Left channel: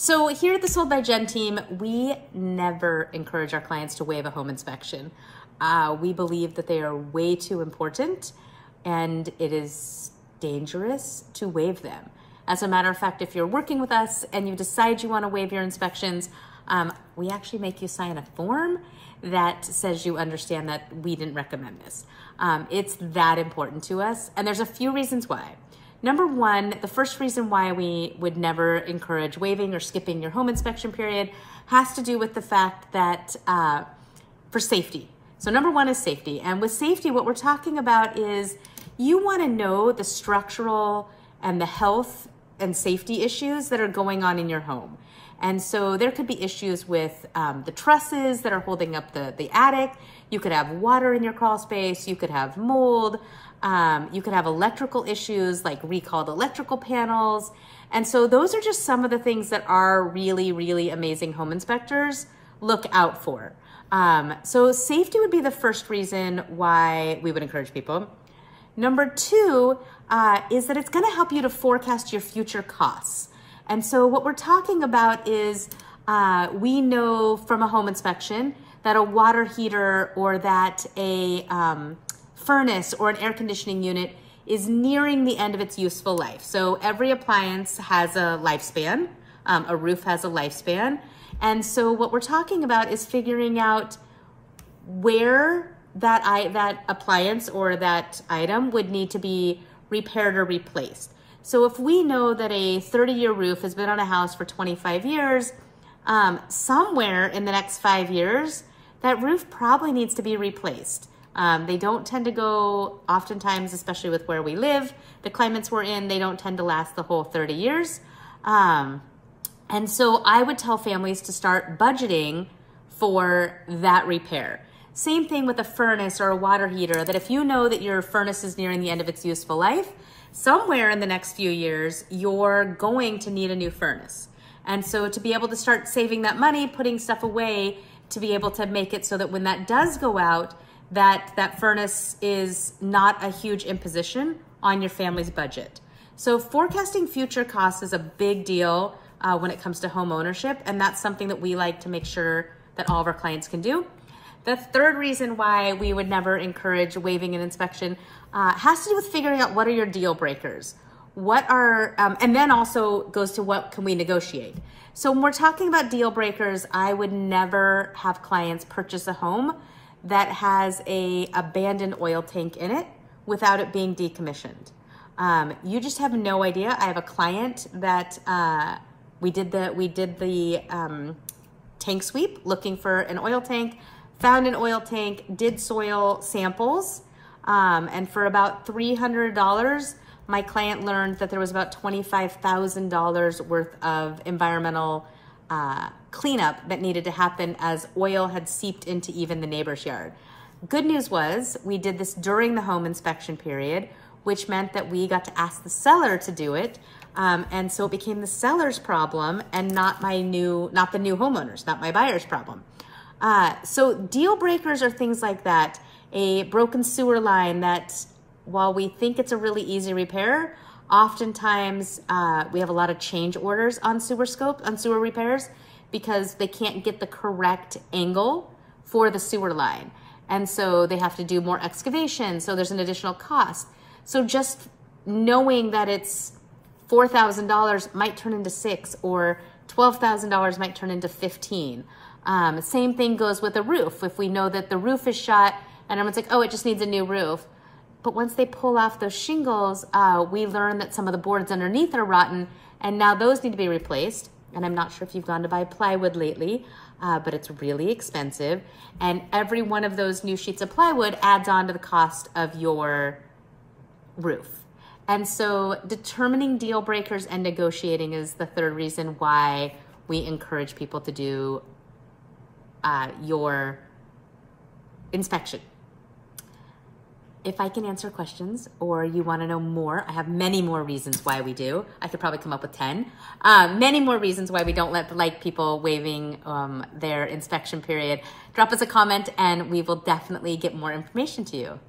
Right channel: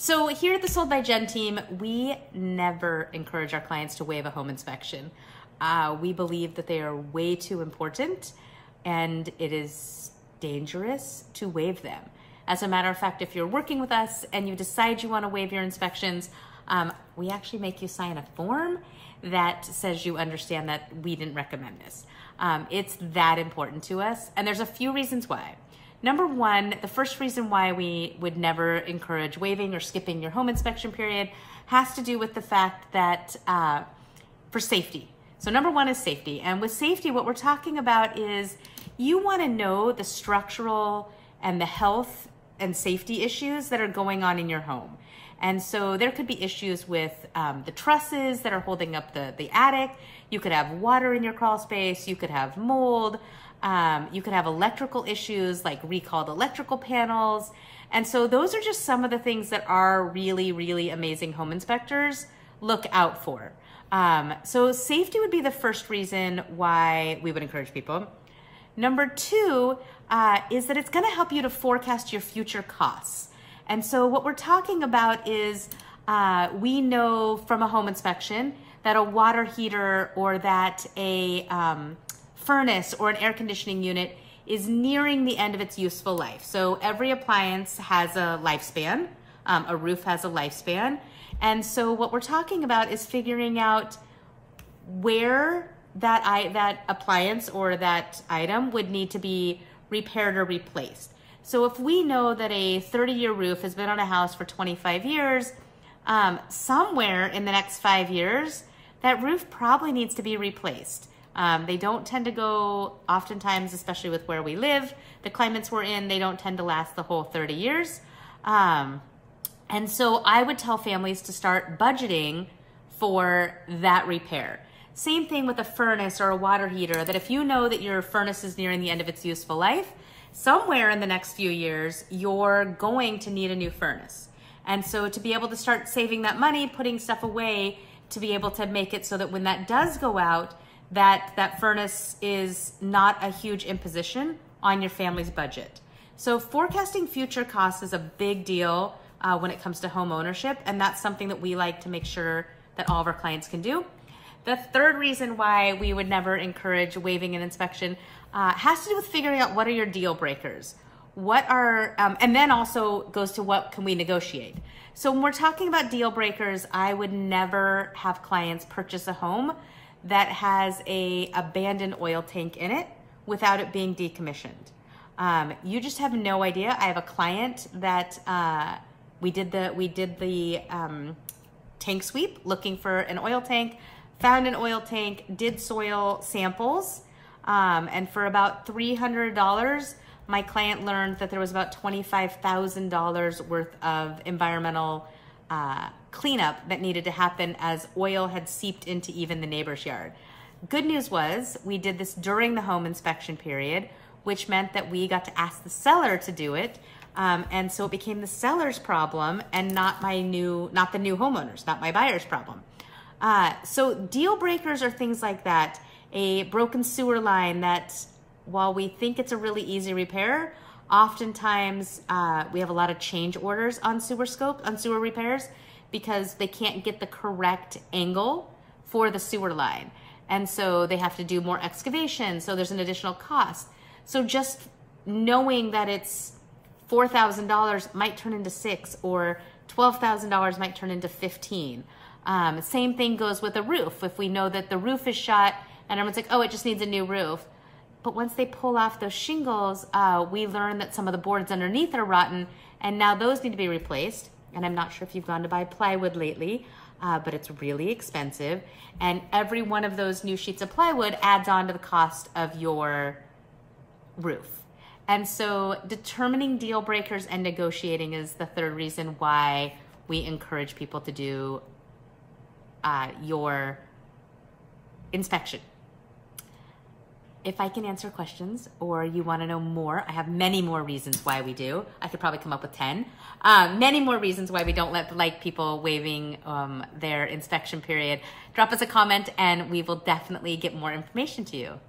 So here at the Sold by Jen team, we never encourage our clients to waive a home inspection. We believe that they are way too important and it is dangerous to waive them. As a matter of fact, if you're working with us and you decide you want to waive your inspections, we actually make you sign a form that says you understand that we didn't recommend this. It's that important to us, and there's a few reasons why. Number one, the first reason why we would never encourage waiving or skipping your home inspection period has to do with the fact that for safety. So number one is safety. And with safety, what we're talking about is you want to know the structural and the health and safety issues that are going on in your home. And so there could be issues with the trusses that are holding up the attic. You could have water in your crawl space. You could have mold. You could have electrical issues like recalled electrical panels. And so those are just some of the things that our really, really amazing home inspectors look out for. So safety would be the first reason why we would encourage people. Number two is that it's going to help you to forecast your future costs. And so what we're talking about is we know from a home inspection that a water heater or that a furnace or an air conditioning unit is nearing the end of its useful life. So every appliance has a lifespan, a roof has a lifespan. And so what we're talking about is figuring out where that appliance or that item would need to be repaired or replaced. So if we know that a 30-year roof has been on a house for 25 years, somewhere in the next 5 years, that roof probably needs to be replaced. They don't tend to go, oftentimes, especially with where we live, the climates we're in, they don't tend to last the whole 30 years. And so I would tell families to start budgeting for that repair. Same thing with a furnace or a water heater, that if you know that your furnace is nearing the end of its useful life, somewhere in the next few years, you're going to need a new furnace. And so to be able to start saving that money, putting stuff away to be able to make it so that when that does go out, that furnace is not a huge imposition on your family's budget. So forecasting future costs is a big deal when it comes to home ownership, and that's something that we like to make sure that all of our clients can do. The third reason why we would never encourage waiving an inspection has to do with figuring out what are your deal breakers. What are, and then also goes to what can we negotiate. So when we're talking about deal breakers, I would never have clients purchase a home that has a abandoned oil tank in it without it being decommissioned. You just have no idea. I have a client that we did the tank sweep looking for an oil tank, found an oil tank, did soil samples, and for about $300, my client learned that there was about $25,000 worth of environmental cleanup that needed to happen as oil had seeped into even the neighbor's yard. Good news was we did this during the home inspection period, which meant that we got to ask the seller to do it. And so it became the seller's problem and not the new homeowners, not my buyer's problem. So deal breakers are things like that. A broken sewer line that, while we think it's a really easy repair, oftentimes we have a lot of change orders on sewer repairs because they can't get the correct angle for the sewer line. And so they have to do more excavation, so there's an additional cost. So just knowing that it's $4,000 might turn into $6,000 or $12,000 might turn into $15,000. Same thing goes with a roof. If we know that the roof is shot and everyone's like, oh, it just needs a new roof. But once they pull off those shingles, we learn that some of the boards underneath are rotten and now those need to be replaced. And I'm not sure if you've gone to buy plywood lately, but it's really expensive. And every one of those new sheets of plywood adds on to the cost of your roof. And so determining deal breakers and negotiating is the third reason why we encourage people to do your inspection. If I can answer questions or you want to know more, I have many more reasons why we do. I could probably come up with 10. Many more reasons why we don't like people waiving their inspection period. Drop us a comment and we will definitely get more information to you.